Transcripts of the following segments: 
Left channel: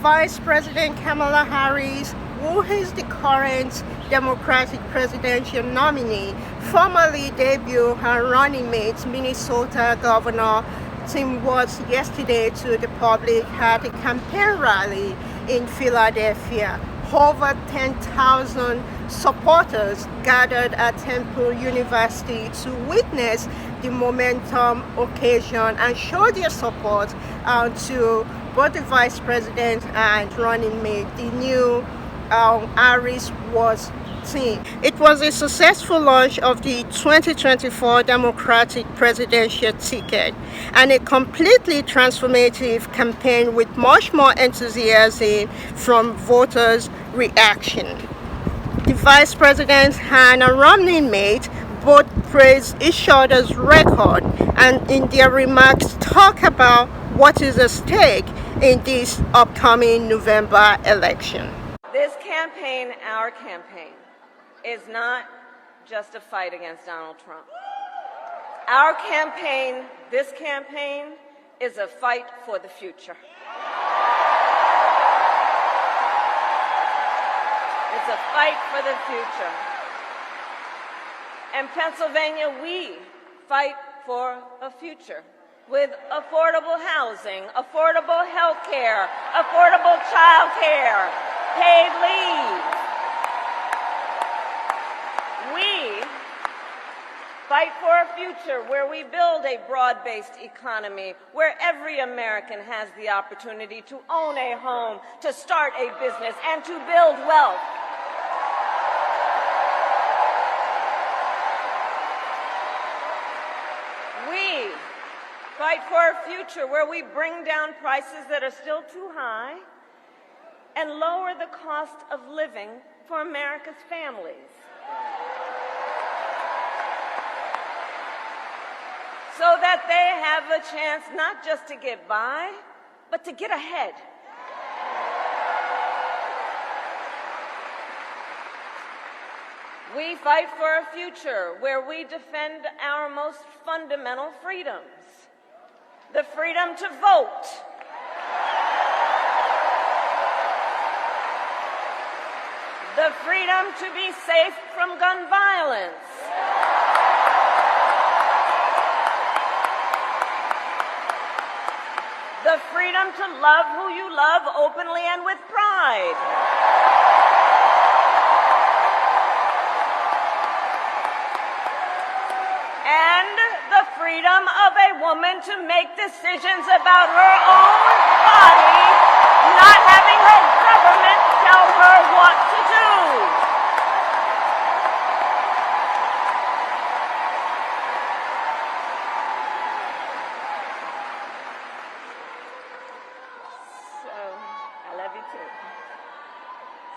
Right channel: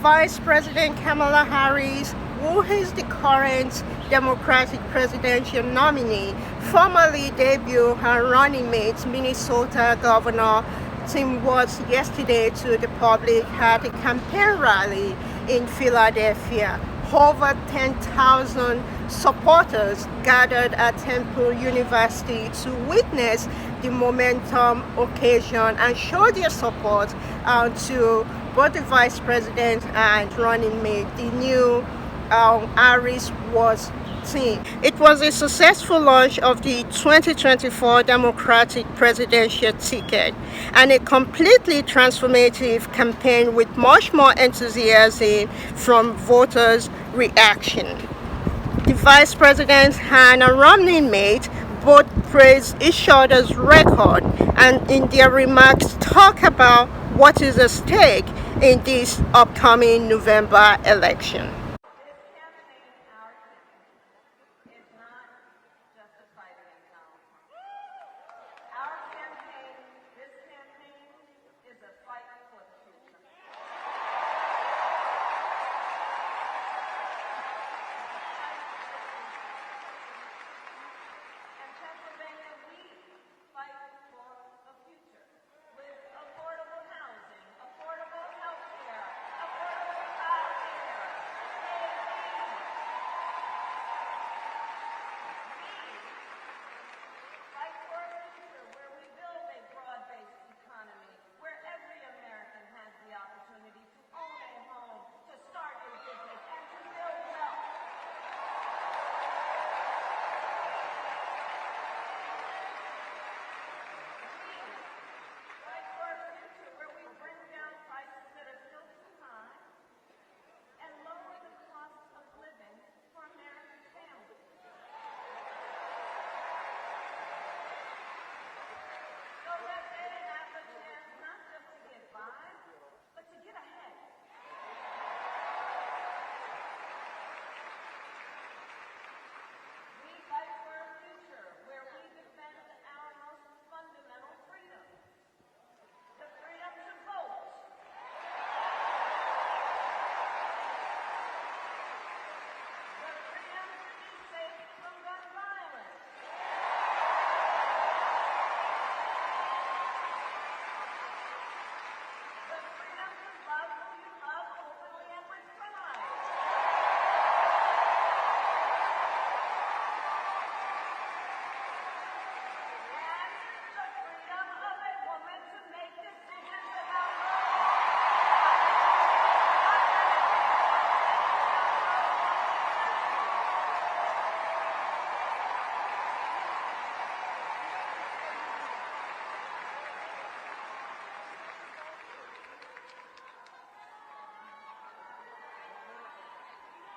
Vice President Kamala Harris, who is the current Democratic presidential nominee, formally debuted her running mate, Minnesota Governor Tim Walz, yesterday to the public at a campaign rally in Philadelphia. Over 10,000 supporters gathered at Temple University to witness the momentum occasion and show their support to both the vice president and running mate, the new Harris was team. It was a successful launch of the 2024 Democratic presidential ticket and a completely transformative campaign with much more enthusiasm from voters' reaction. The vice president and a running mate both praised each other's record and in their remarks talk about what is at stake in this upcoming November election. This campaign, our campaign, is not just a fight against Donald Trump. Our campaign, this campaign, is a fight for the future. It's a fight for the future. In Pennsylvania, we fight for a future with affordable housing, affordable health care, affordable child care, paid leave. We fight for a future where we build a broad-based economy, where every American has the opportunity to own a home, to start a business, and to build wealth. We fight for a future where we bring down prices that are still too high and lower the cost of living for America's families. So that they have a chance not just to get by, but to get ahead. We fight for a future where we defend our most fundamental freedoms. The freedom to vote. The freedom to be safe from gun violence. The freedom to love who you love openly and with pride. And the freedom of a woman to make decisions about her own body, not having her government tell her what to do.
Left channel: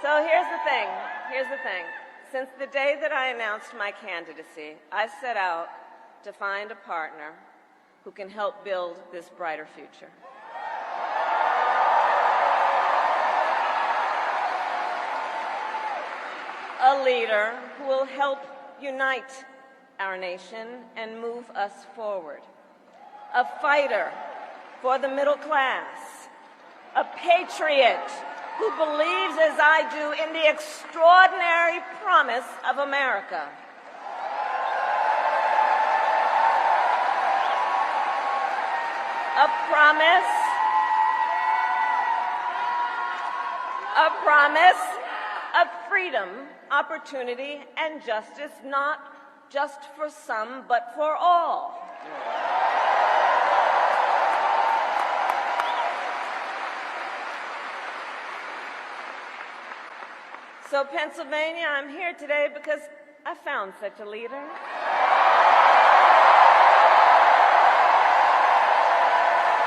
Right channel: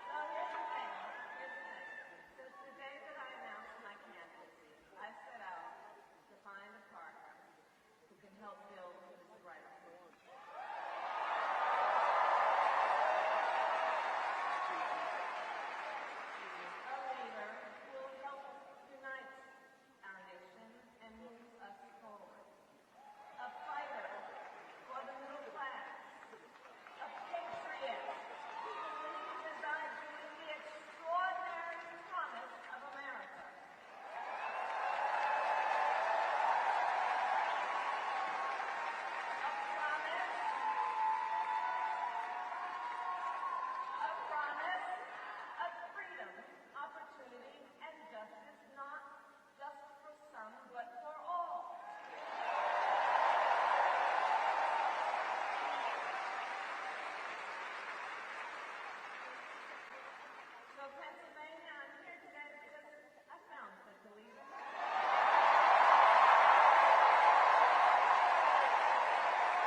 So here's the thing. Since the day that I announced my candidacy, I set out to find a partner who can help build this brighter future. A leader who will help unite our nation and move us forward. A fighter for the middle class. A patriot who believes, as I do, in the extraordinary promise of America. A promise of freedom, opportunity, and justice, not just for some, but for all. So, Pennsylvania, I'm here today because I found such a leader.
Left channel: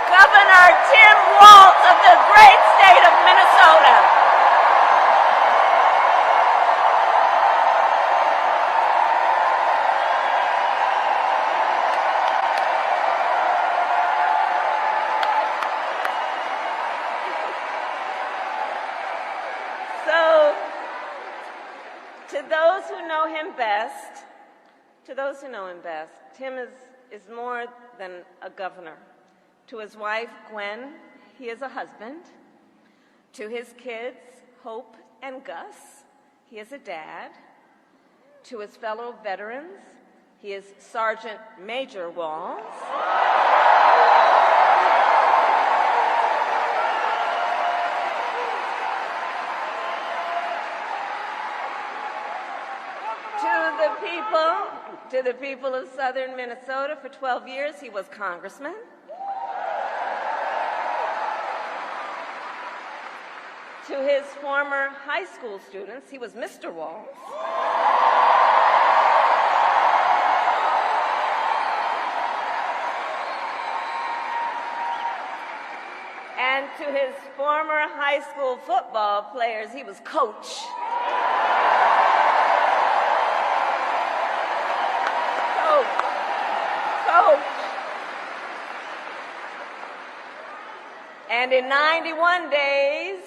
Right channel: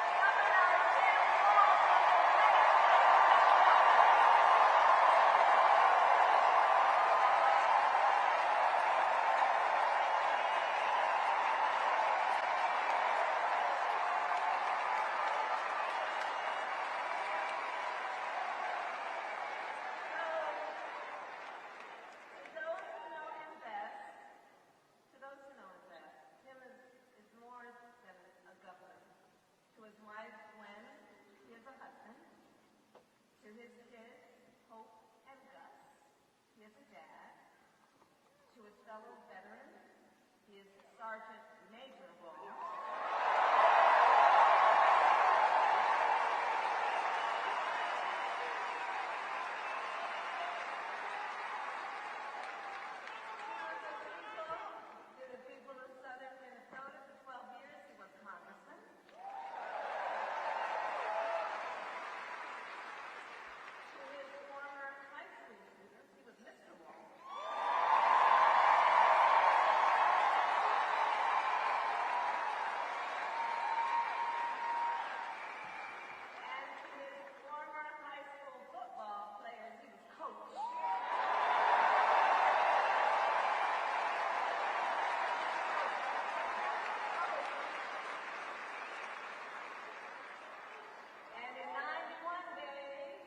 Governor Tim Walz of the great state of Minnesota. So, to those who know him best, Tim is more than a governor. To his wife, Gwen, he is a husband, To his kids, Hope and Gus, he is a dad. To his fellow veterans, he is Sergeant Major Walz. To the people of southern Minnesota, for 12 years, he was congressman. To his former high school students, he was Mr. Walz. And to his former high school football players, he was Coach. And in 91 days,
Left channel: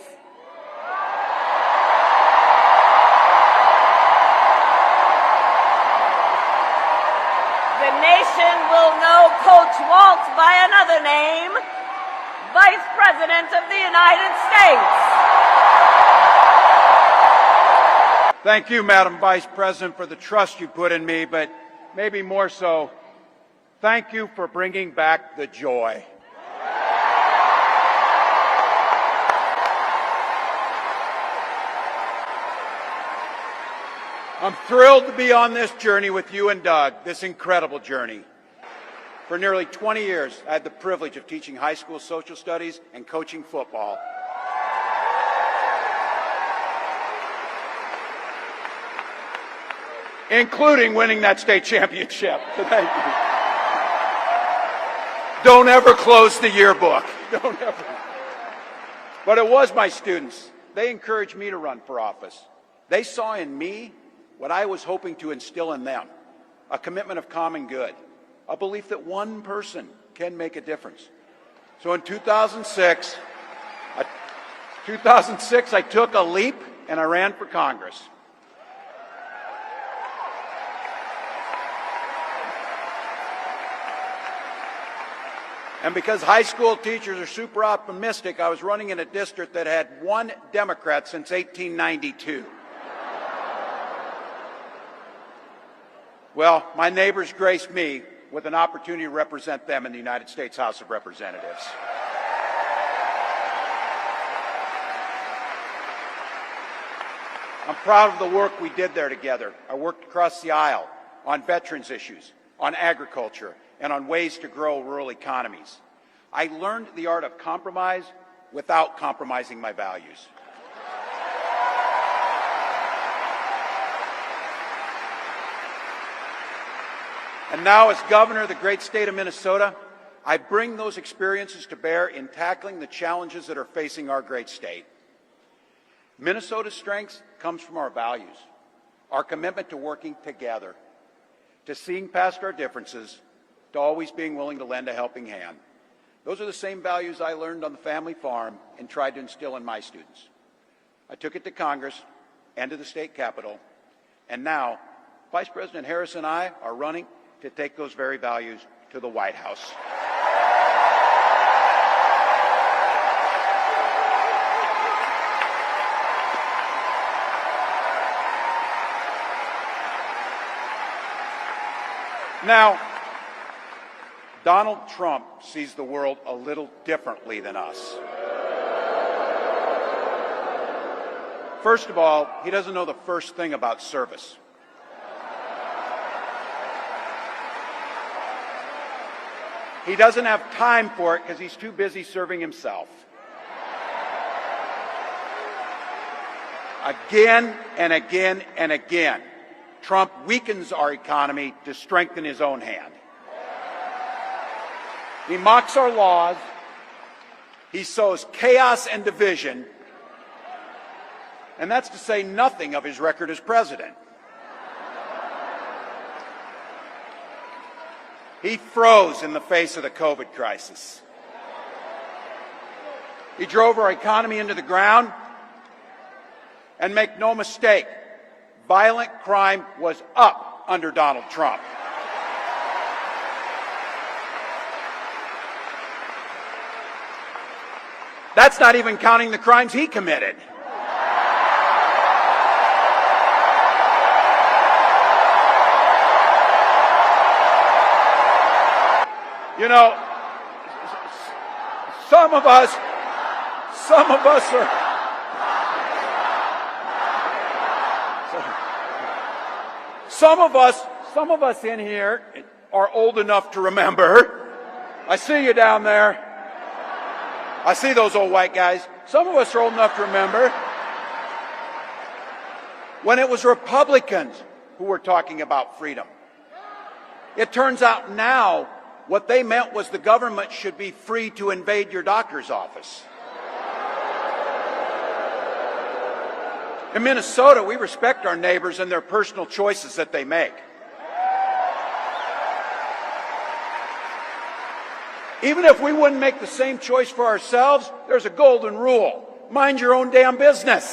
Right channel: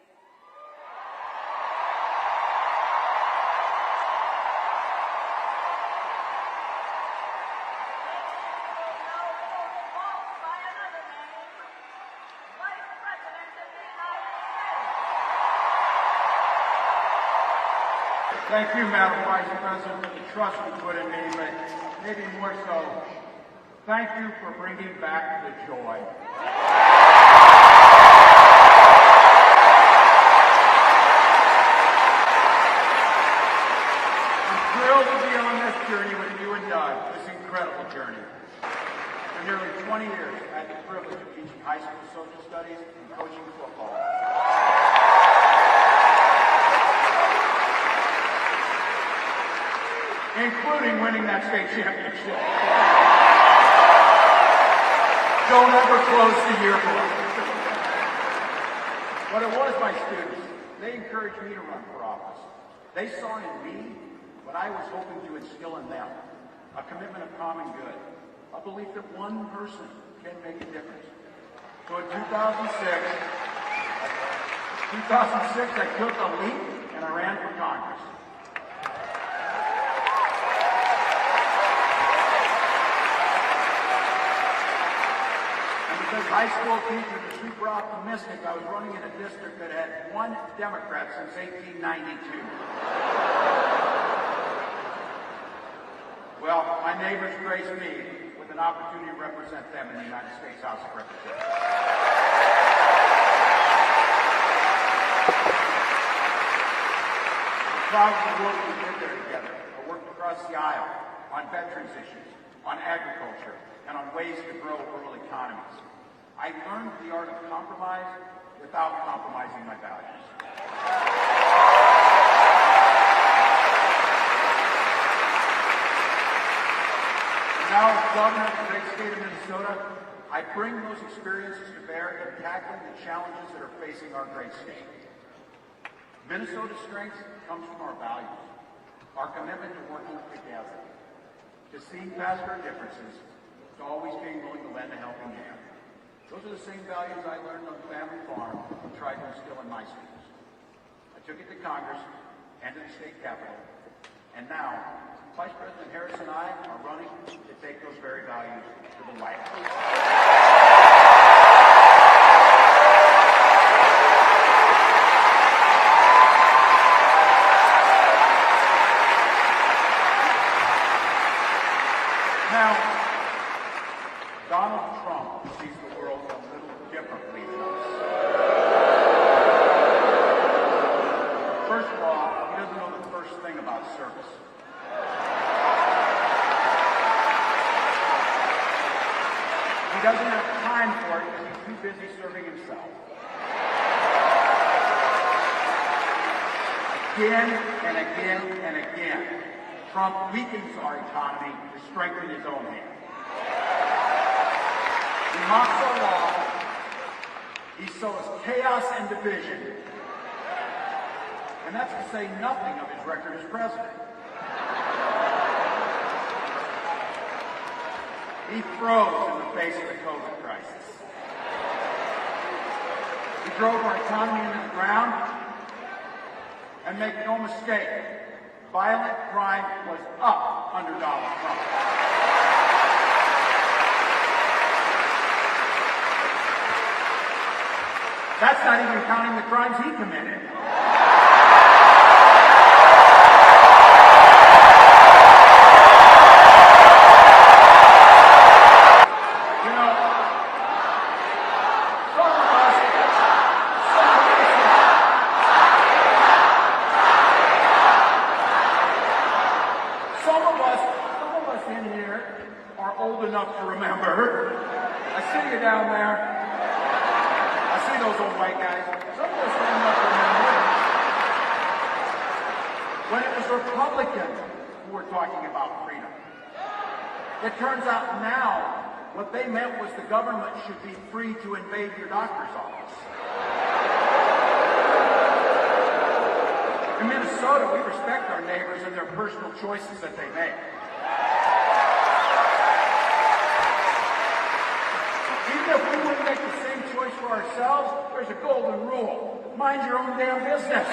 the nation will know Coach Walz by another name, Vice President of the United States. Thank you, Madam Vice President, for the trust you put in me, but maybe more so, thank you for bringing back the joy. I'm thrilled to be on this journey with you and Doug, this incredible journey. For nearly 20 years, I had the privilege of teaching high school social studies and coaching football. Including winning that state championship. Don't ever close the yearbook. But it was my students. They encouraged me to run for office. They saw in me what I was hoping to instill in them, a commitment of common good, a belief that one person can make a difference. So in 2006, I took a leap and I ran for Congress. And because high school teachers are super optimistic, I was running in a district that had one Democrat since 1892. Well, my neighbors graced me with an opportunity to represent them in the United States House of Representatives. I'm proud of the work we did there together. I worked across the aisle on veterans issues, on agriculture, and on ways to grow rural economies. I learned the art of compromise without compromising my values. And now, as governor of the great state of Minnesota, I bring those experiences to bear in tackling the challenges that are facing our great state. Minnesota's strength comes from our values, our commitment to working together, to seeing past our differences, to always being willing to lend a helping hand. Those are the same values I learned on the family farm and tried to instill in my students. I took it to Congress and to the state capitol, and now Vice President Harris and I are running to take those very values to the White House. Now, Donald Trump sees the world a little differently than us. First of all, he doesn't know the first thing about service. He doesn't have time for it because he's too busy serving himself. Again and again and again, Trump weakens our economy to strengthen his own hand. He mocks our laws. He sows chaos and division. And that's to say nothing of his record as president. He froze in the face of the COVID crisis. He drove our economy into the ground. And make no mistake, violent crime was up under Donald Trump. That's not even counting the crimes he committed. You know, some of us in here are old enough to remember. I see you down there. I see those old white guys. Some of us are old enough to remember when it was Republicans who were talking about freedom. It turns out now what they meant was the government should be free to invade your doctor's office. In Minnesota, we respect our neighbors and their personal choices that they make. Even if we wouldn't make the same choice for ourselves, there's a golden rule. Mind your own damn business.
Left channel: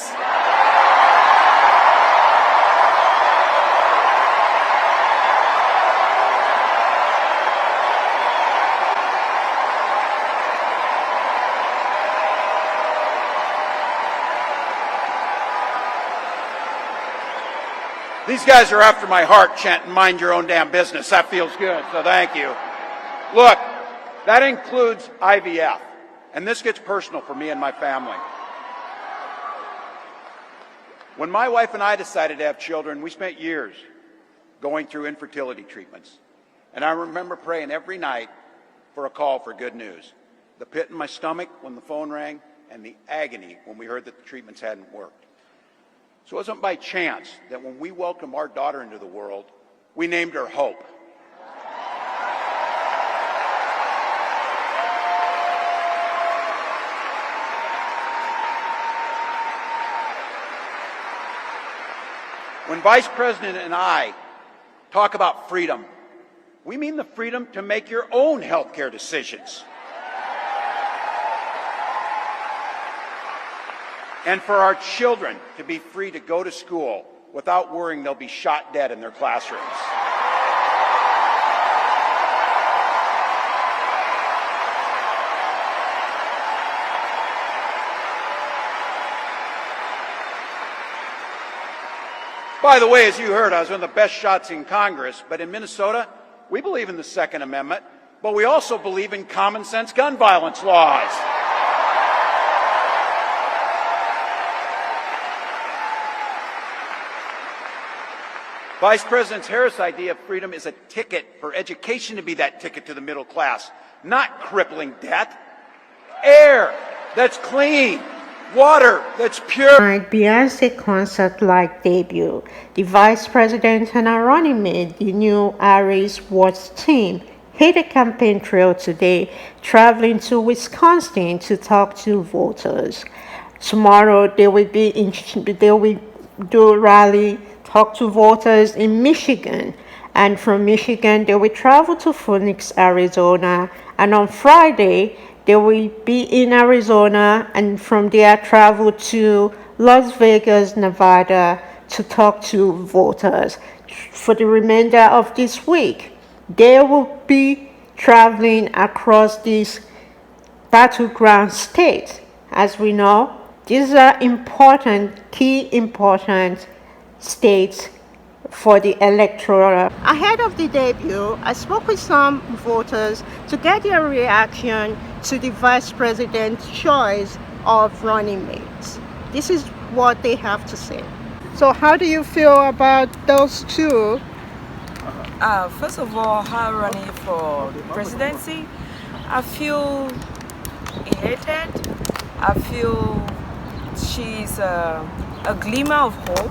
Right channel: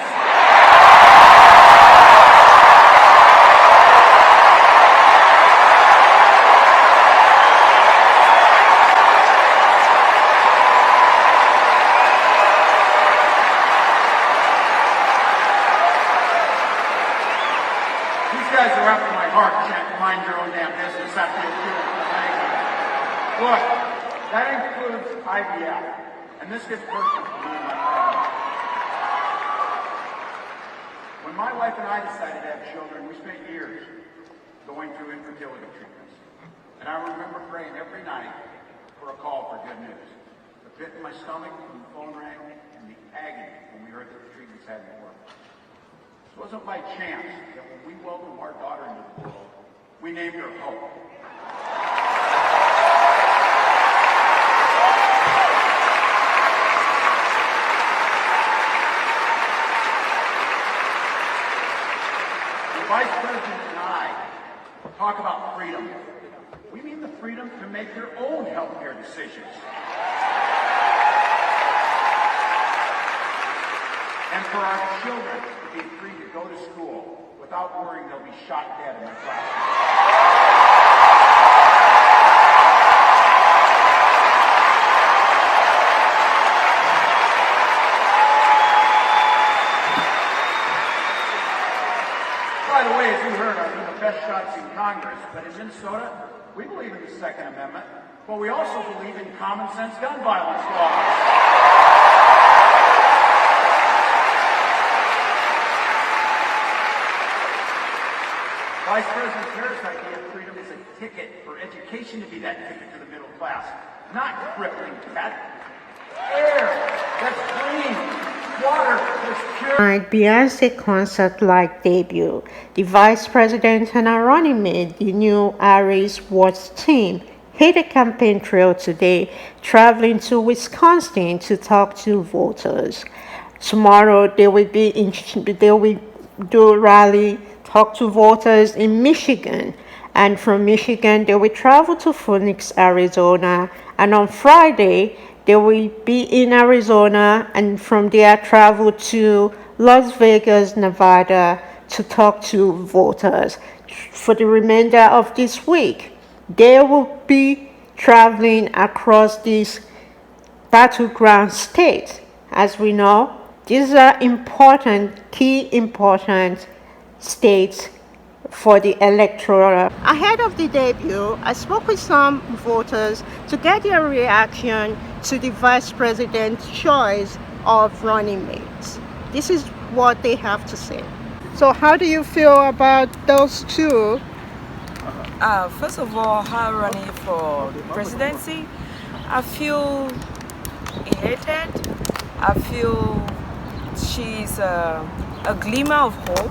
These guys are after my heart chanting, mind your own damn business. That feels good, so thank you. Look, that includes IVF, and this gets personal for me and my family. When my wife and I decided to have children, we spent years going through infertility treatments. And I remember praying every night for a call for good news. The pit in my stomach when the phone rang, and the agony when we heard that the treatments hadn't worked. So it wasn't by chance that when we welcomed our daughter into the world, we named her Hope. When Vice President and I talk about freedom, we mean the freedom to make your own healthcare decisions. And for our children to be free to go to school without worrying they'll be shot dead in their classrooms. By the way, as you heard, I was one of the best shots in Congress, but in Minnesota, we believe in the Second Amendment, but we also believe in common sense gun violence laws. Vice President Harris' idea of freedom is a ticket for education to be that ticket to the middle class, not crippling debt. Air that's clean, water that's pure. Beyonce concert-like debut. The vice president and her running mate, the new Harris Walz team, hit a campaign trail today, traveling to Wisconsin to talk to voters. Tomorrow they will do a rally, talk to voters in Michigan, and from Michigan they will travel to Phoenix, Arizona, and on Friday they will be in Arizona, and from there travel to Las Vegas, Nevada to talk to voters. For the remainder of this week, they will be traveling across these battleground states. As we know, these are important states for the electoral. Ahead of the debut, I spoke with some voters to get their reaction to the vice president's choice of running mates. This is what they have to say. So how do you feel about those two? First of all, her running for the presidency, I feel elated. I feel she's a glimmer of hope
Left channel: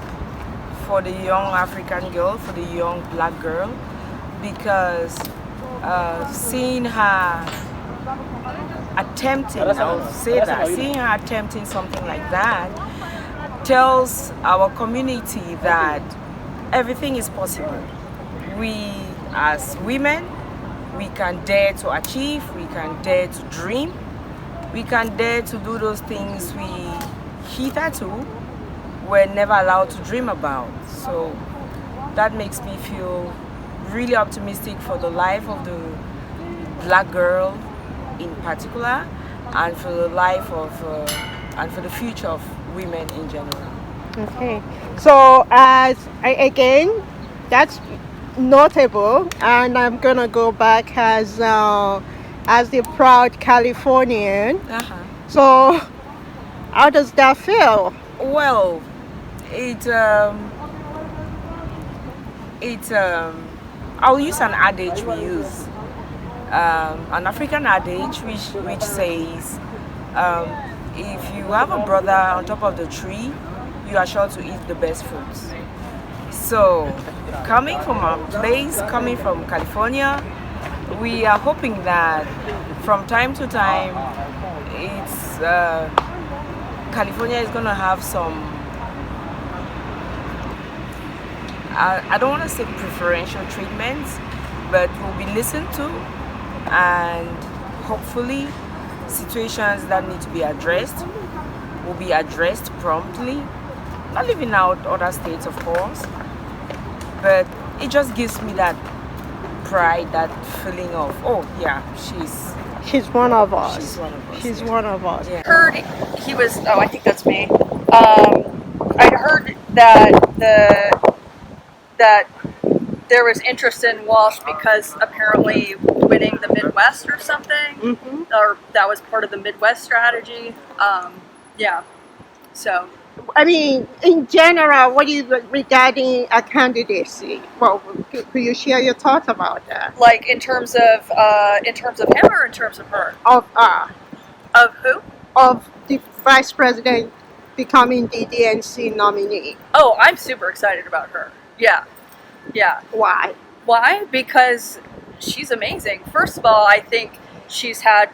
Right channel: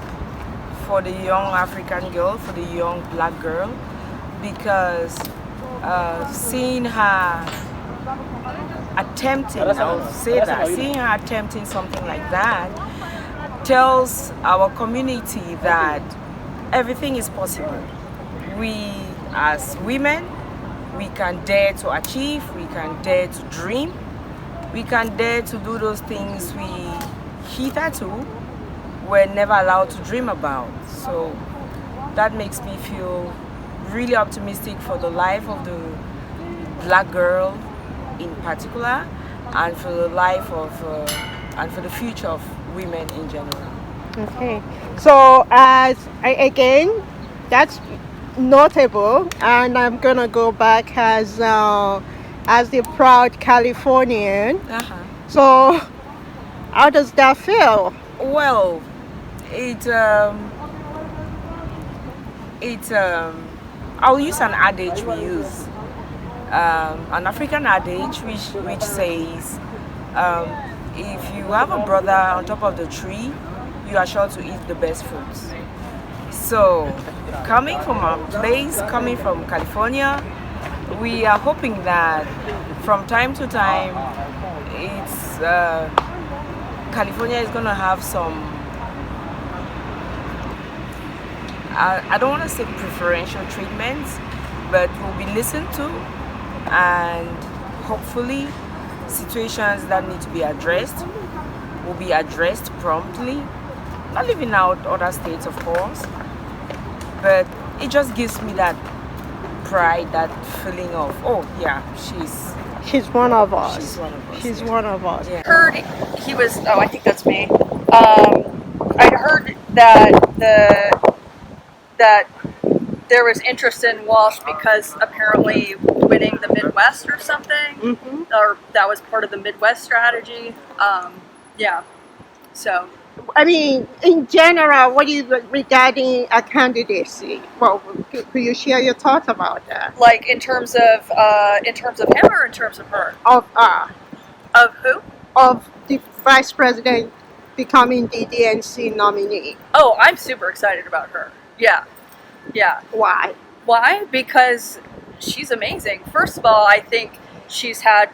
for the young African girl, for the young black girl, because seeing her attempting, seeing her attempting something like that tells our community that everything is possible. We as women, we can dare to achieve, we can dare to dream, we can dare to do those things we hitherto were never allowed to dream about. So that makes me feel really optimistic for the life of the black girl in particular, and for the life of and for the future of women in general. Okay. So again, that's notable, and I'm gonna go back as the proud Californian. Uh-huh. So how does that feel? Well, it I'll use an adage we use, an African adage which says, if you have a brother on top of the tree, you are sure to eat the best fruits. So, coming from our place, coming from California, we are hoping that from time to time, it's California is gonna have some. I don't want to say preferential treatments, but will be listened to, and hopefully situations that need to be addressed will be addressed promptly. Not leaving out other states, of course, but it just gives me that pride, that feeling of, oh yeah, She's one of us. she's one of us. She's one of us. Yeah. Heard he was. Oh, I think that's me. I'd heard that there was interest in Walsh because apparently winning the Midwest or something, Mm-hmm. or that was part of the Midwest strategy. Yeah. So I mean, in general, what do you regarding a candidacy? Well, could you share your thoughts about that? like in terms of him or in terms of her? Of Who? of the vice president becoming the DNC nominee. Oh, I'm super excited about her. Yeah. Yeah. Why? Why? Because she's amazing. First of all, I think she's had,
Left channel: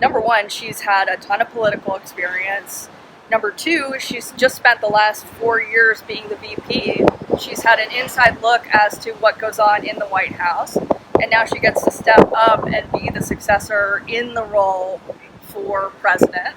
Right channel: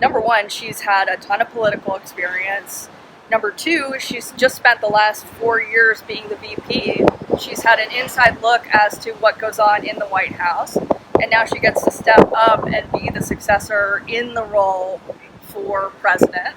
number one, she's had a ton of political experience. Number two, she's just spent the last 4 years being the VP. She's had an inside look as to what goes on in the White House. And now she gets to step up and be the successor in the role for president.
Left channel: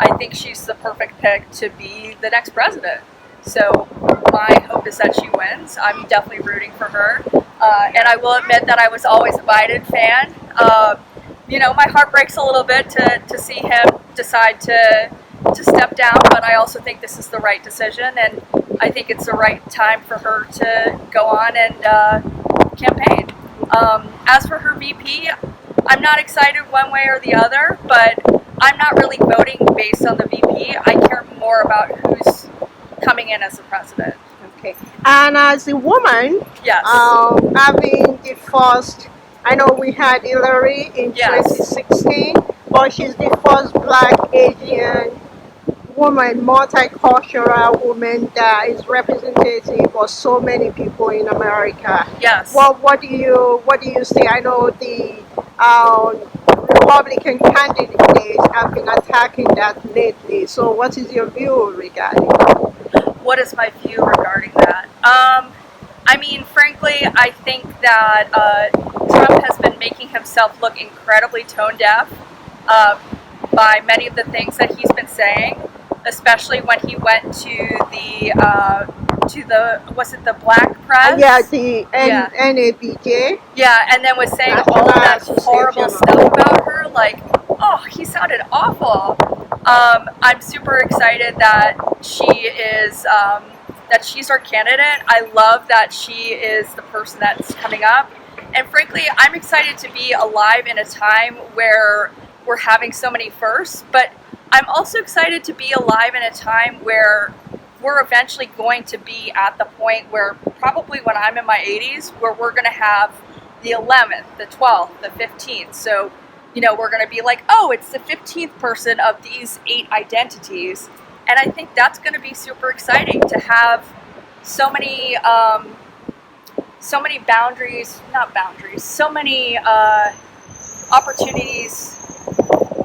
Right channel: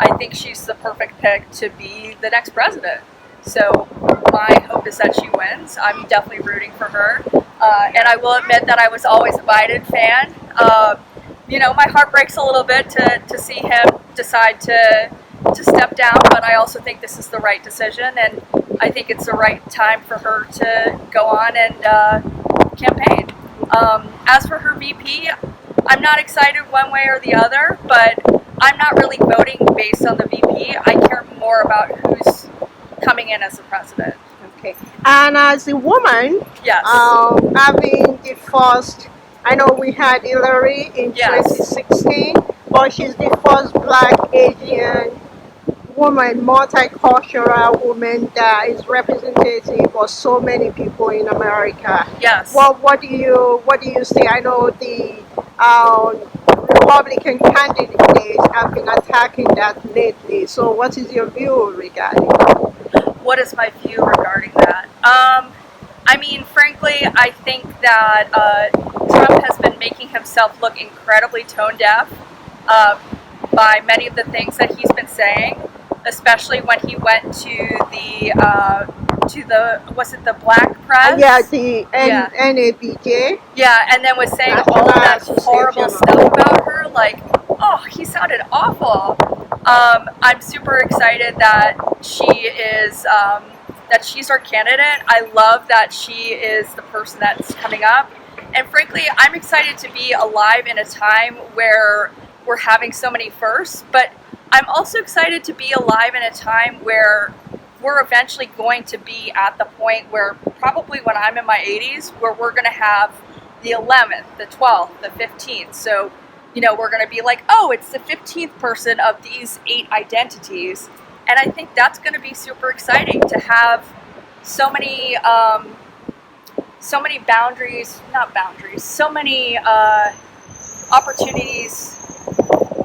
I think she's the perfect pick to be the next president. So my hope is that she wins. I'm definitely rooting for her. And I will admit that I was always a Biden fan. My heart breaks a little bit to see him decide to step down, but I also think this is the right decision, and I think it's the right time for her to go on and campaign. As for her VP, I'm not excited one way or the other, but I'm not really voting based on the VP. I care more about who's coming in as the president. Okay. And as a woman, Yes. having the first, I know we had Hillary in Yes. 2016, but she's the first Black Asian woman, multicultural woman that is representative of so many people in America. Yes. What do you say? I know the Republican candidates have been attacking that lately. So what is your view regarding that? What is my view regarding that? I mean, frankly, I think that Trump has been making himself look incredibly tone deaf by many of the things that he's been saying, especially when he went to the was it the Black Press? Yeah, the NABJ. Yeah, and then was saying all of that horrible stuff about her. Like, oh, he sounded awful. I'm super excited that she's our candidate. I love that she is the person that's coming up. And frankly, I'm excited to be alive in a time where we're having so many firsts, but I'm also excited to be alive in a time where we're eventually going to be at the point where probably when I'm in my 80s, where we're going to have the 11th, the 12th, the 15th. So, we're going to be like, oh, it's the 15th person of these 8 identities. And I think that's going to be super exciting to have so many opportunities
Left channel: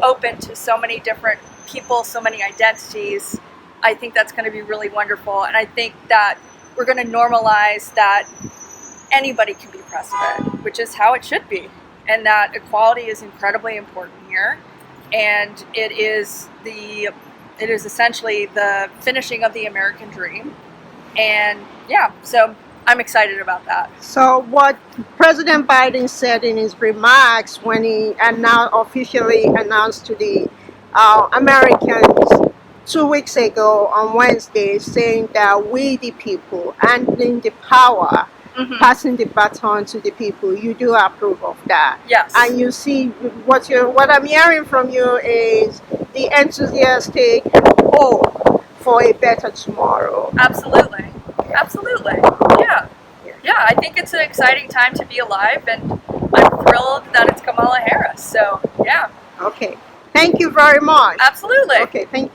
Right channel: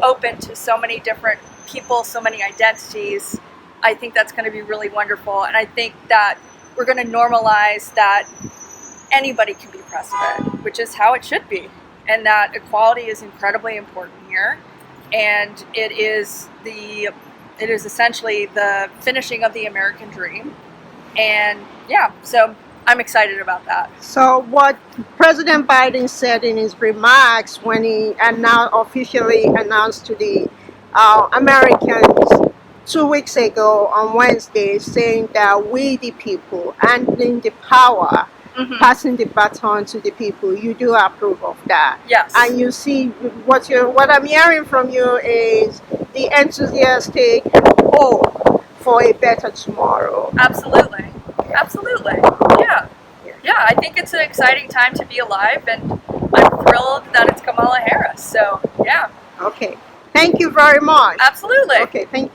open to so many different people, so many identities. I think that's going to be really wonderful. And I think that we're going to normalize that anybody can be president, which is how it should be. And that equality is incredibly important here. And it is essentially the finishing of the American dream. And yeah, so I'm excited about that. So what President Biden said in his remarks when he officially announced to the Americans 2 weeks ago on Wednesday saying that we the people handling the power, passing the baton to the people. You do approve of that. Yes. And you see what I'm hearing from you is the enthusiastic hope for a better tomorrow. Absolutely. Absolutely. Yeah. Yeah, I think it's an exciting time to be alive, and I'm thrilled that it's Kamala Harris. So, yeah. Okay. Thank you very much. Absolutely. Okay, thank you.